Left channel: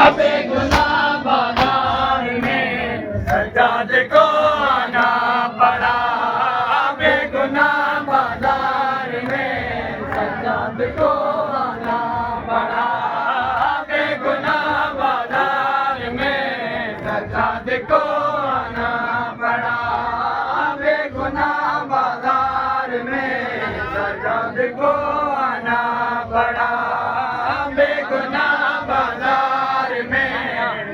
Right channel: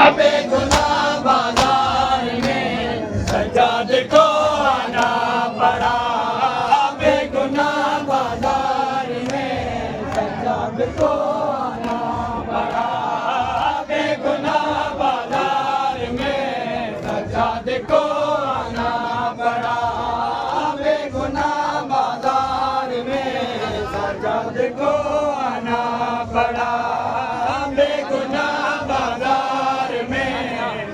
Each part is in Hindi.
बेगुनाह बाजार में सज्जाद को आना पड़ा। बेगुनाह बाजार में सज्जाद को आना पड़ा। बेगुनाह बाजार में सज्जाद को आना पड़ा। बेगुनाह बाजार में सज्जाद को आना पड़ा। बेगुनाह बाजार में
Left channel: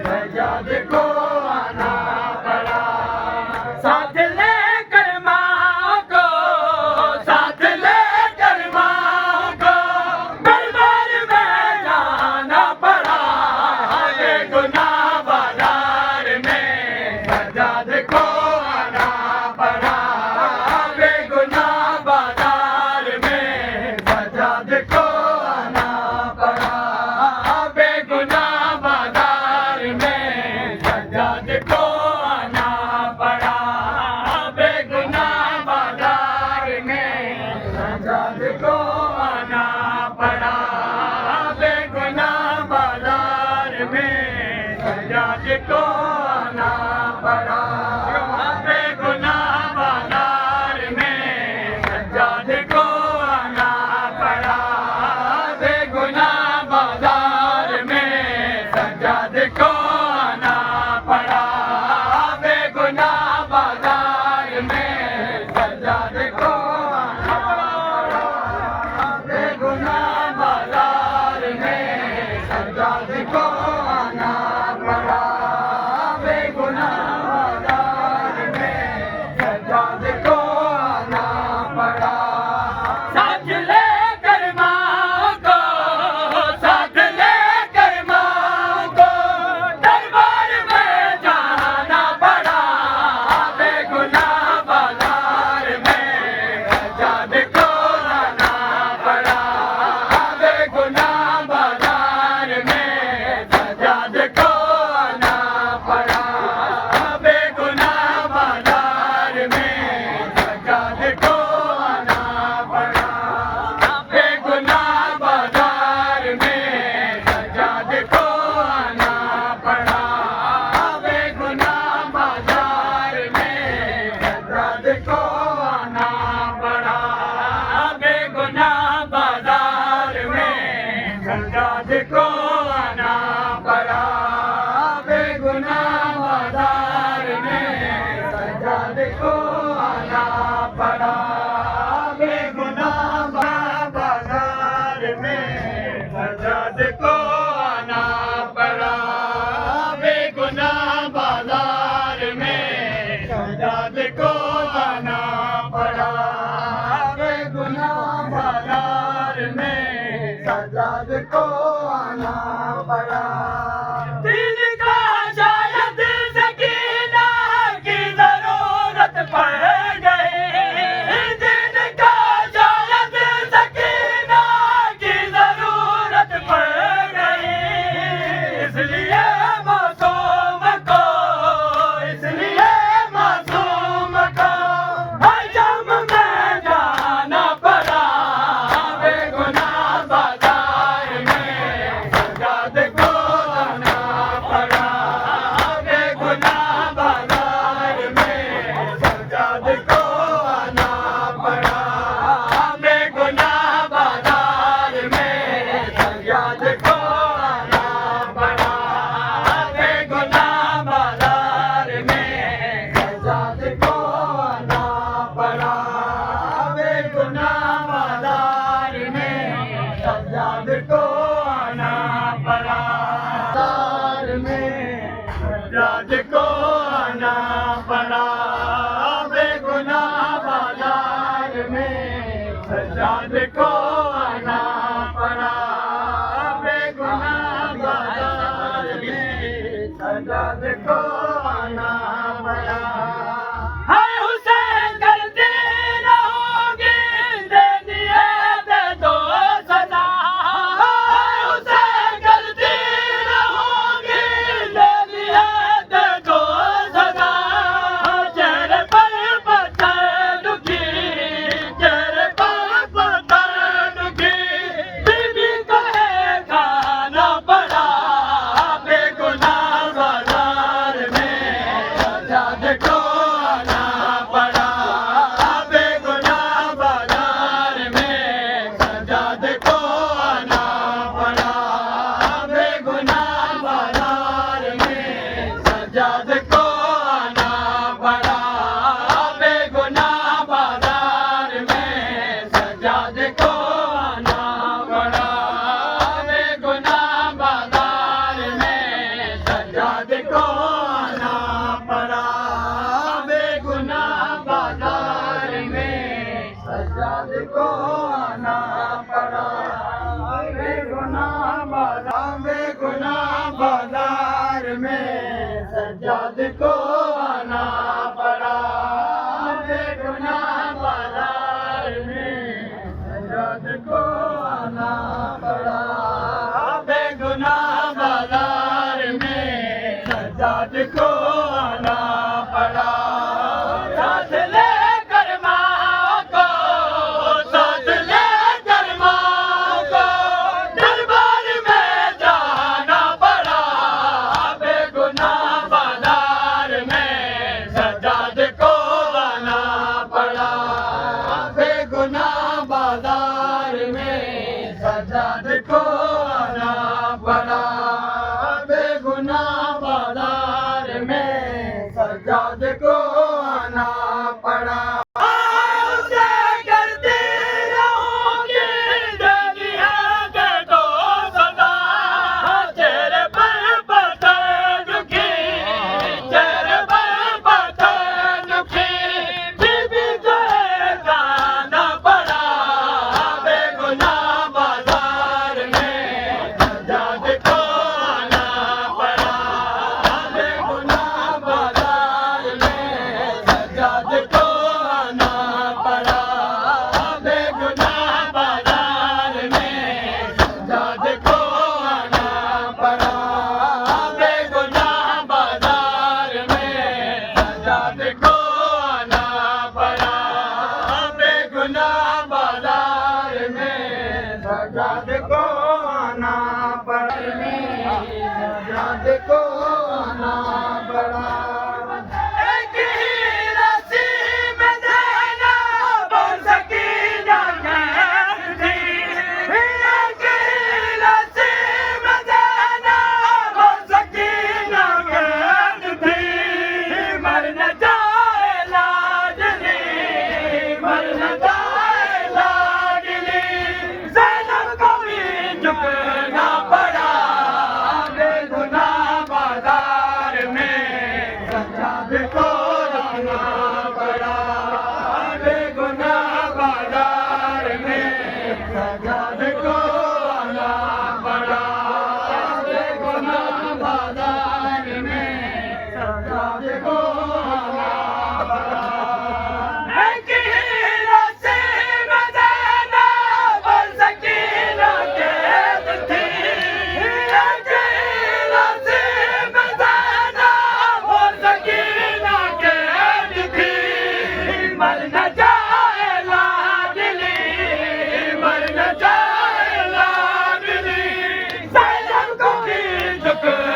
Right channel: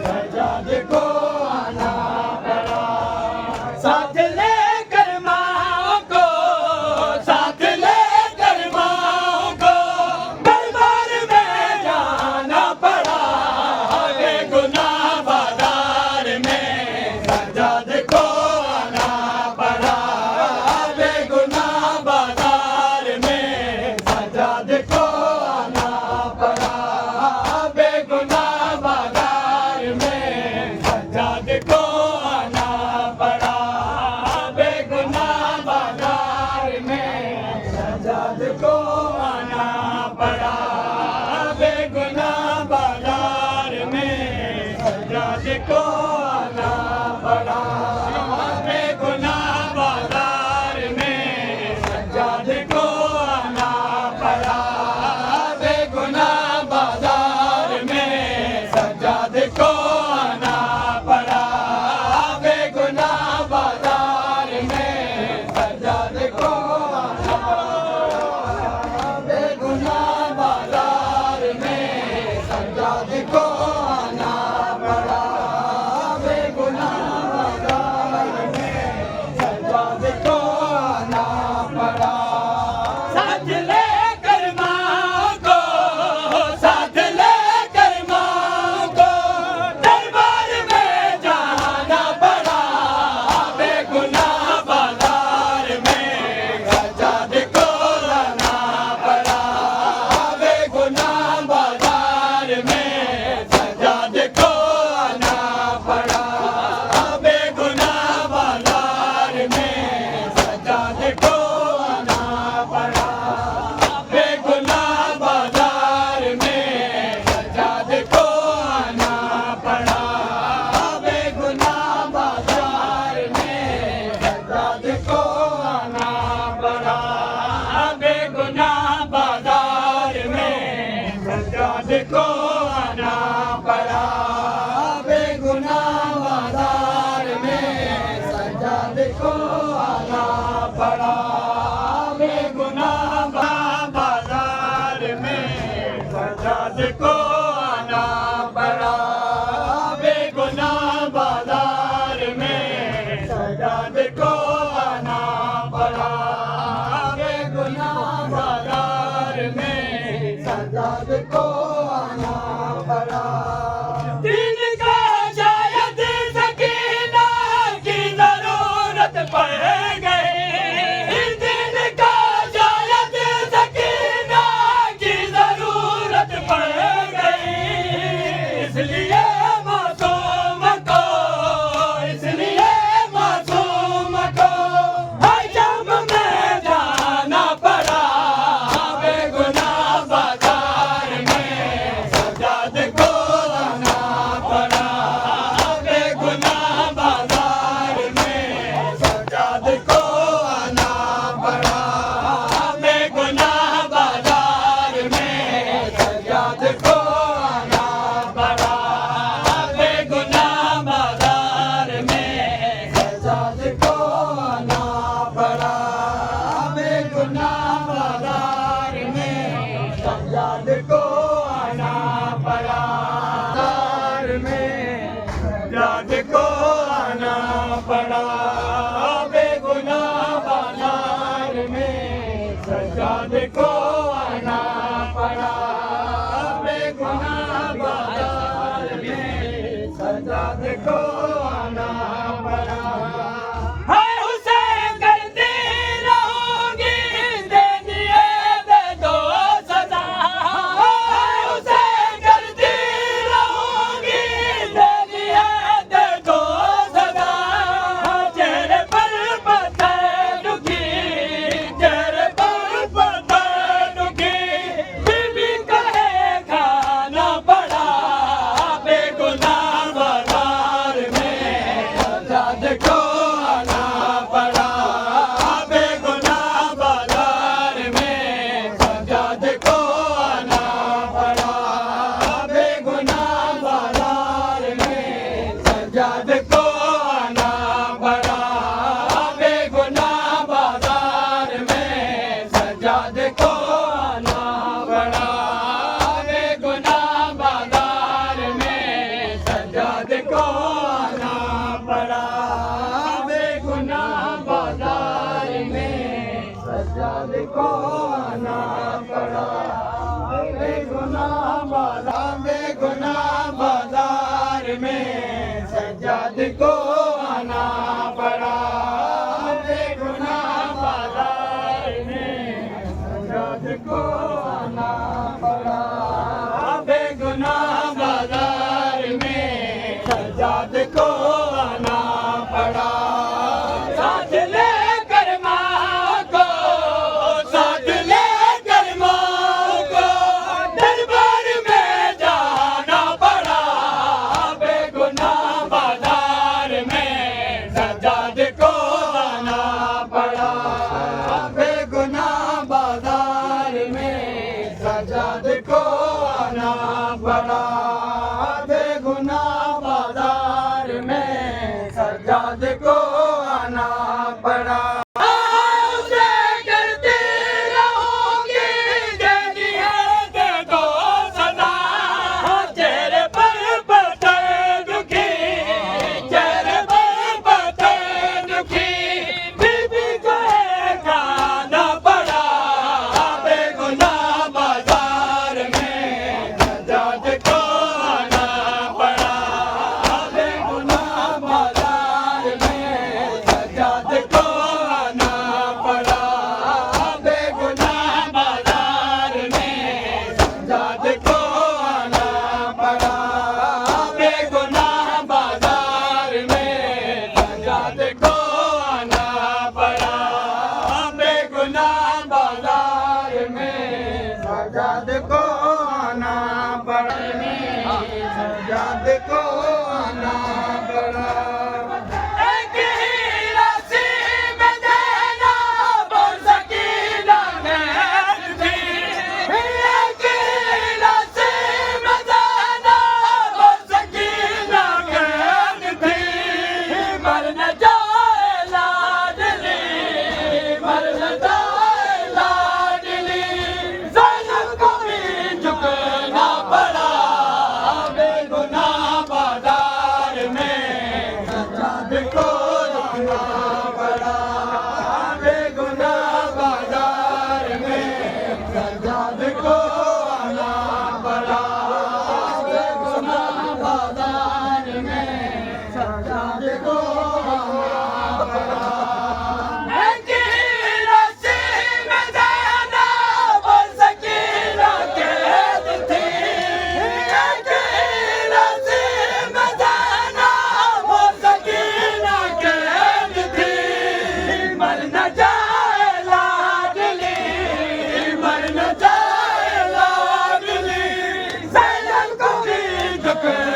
सज्जाद को आना पड़ा। साथ लेकर माँ को, साथ लेकर माँ को दरबार में जाना पड़ा। बेगुनाह बाजार में सज्जाद को आना पड़ा। बेगुनाह बाजार में सज्जाद को आना पड़ा। बेगुनाह बाजार में सज्जाद को आना पड़ा। बेगुनाह बाजार में सज्जाद को आना पड़ा। बेगुनाह बाजार में सज्जाद को आना पड़ा। बेगुनाह बाजार में सज्जाद को आना पड़ा। बेगुनाह बाजार में सज्जाद को आना पड़ा। बेगुनाह बाजार में सज्जाद को आना पड़ा। बेगुनाह बाजार में सज्जाद को आना पड़ा। बेगुनाह बाजार में सज्जाद को आना पड़ा। साथ लेकर माँ को, साथ लेकर माँ को दरबार में जाना पड़ा। बेगुनाह बाजार में सज्जाद को आना पड़ा। बेगुनाह बाजार में सज्जाद को आना पड़ा। बेगुनाह बाजार में सज्जाद को आना पड़ा। बेगुनाह बाजार में सज्जाद को आना पड़ा। बेगुनाह बाजार में सज्जाद को आना पड़ा। बेगुनाह बाजार में सज्जाद को आना पड़ा। बेगुनाह बाजार में सज्जाद को आना पड़ा। बेगुनाह बाजार में सज्जाद को आना पड़ा। बेगुनाह बाजार में सज्जाद को आना पड़ा। बेगुनाह बाजार में सज्जाद को आना पड़ा। दिन का शायद सकीना की जरूरत पड़ गई। दिन का शायद सकीना की जरूरत पड़ गई। इसलिए मासूम को, इसलिए मासूम को हजम में जाना पड़ा। बेगुनाह बाजार में सज्जाद को आना पड़ा। बेगुनाह बाजार में सज्जाद को आना पड़ा। बेगुनाह बाजार में सज्जाद को आना पड़ा। बेगुनाह बाजार में सज्जाद को आना पड़ा। बेगुनाह बाजार में सज्जाद को आना पड़ा। बाजार में सज्जाद को आना पड़ा। बेगुनाह बाजार में सज्जाद को आना पड़ा। बेगुनाह बाजार में सज्जाद को आना पड़ा। हाय हुसैन करती रहोगी दे दिए दे दो सजा। हाय हुसैन करती रहोगी दे दिए दे दो सजा। चेहरे पर पत्थर दुखी, चेहरे पर पत्थर दुखी। बीबी कहे खाना पड़ा। बेगुनाह बाजार में सज्जाद को आना पड़ा। बेगुनाह बाजार में सज्जाद को आना पड़ा। बेगुनाह बाजार में सज्जाद को आना पड़ा। बेगुनाह बाजार में सज्जाद को आना पड़ा। बेगुनाह बाजार में सज्जाद को आना पड़ा। बेगुनाह बाजार में सज्जाद को आना पड़ा। बेगुनाह बाजार में सज्जाद को आना पड़ा। साथ लेकर माँ को, साथ लेकर माँ को दरबार में जाना पड़ा। बेगुनाह बाजार में सज्जाद को आना पड़ा। बेगुनाह बाजार में सज्जाद को आना पड़ा। बेगुनाह बाजार में सज्जाद को आना पड़ा। उसे करती रहूंगी जनियत तो सदा। चेहरे पर पत्थर दुखी, चेहरे पर पत्थर दुखी, बीबी को गाना पड़ा। बेगुनाह बाजार में सज्जाद को आना पड़ा। बेगुनाह बाजार में सज्जाद को आना पड़ा। बेगुनाह बाजार में सज्जाद को आना पड़ा। बेगुनाह बाजार में सज्जाद को आना पड़ा। बेगुनाह बाजार में सज्जाद को आना पड़ा। सज्जाद को आना पड़ा। एक ही राशि में देना बहुत सकीना कैद थी। एक ही राशि में देना बहुत सकीना कैद थी। मर न जाए लाडली, मर न जाए लाडली, ज़ैनब को भी झुकना पड़ा। बेगुनाह बाजार में सज्जाद को आना पड़ा। बेगुनाह बाजार में सज्जाद को आना पड़ा। बेगुनाह बाजार में सज्जाद को आना पड़ा। एक ही राशि में देना बहुत सकीना कैद थी। एक ही राशि में देना बहुत सकीना कैद थी। मर न जाए लाडली, मर न जाए लाडली, ज़ैनब को भी झुकना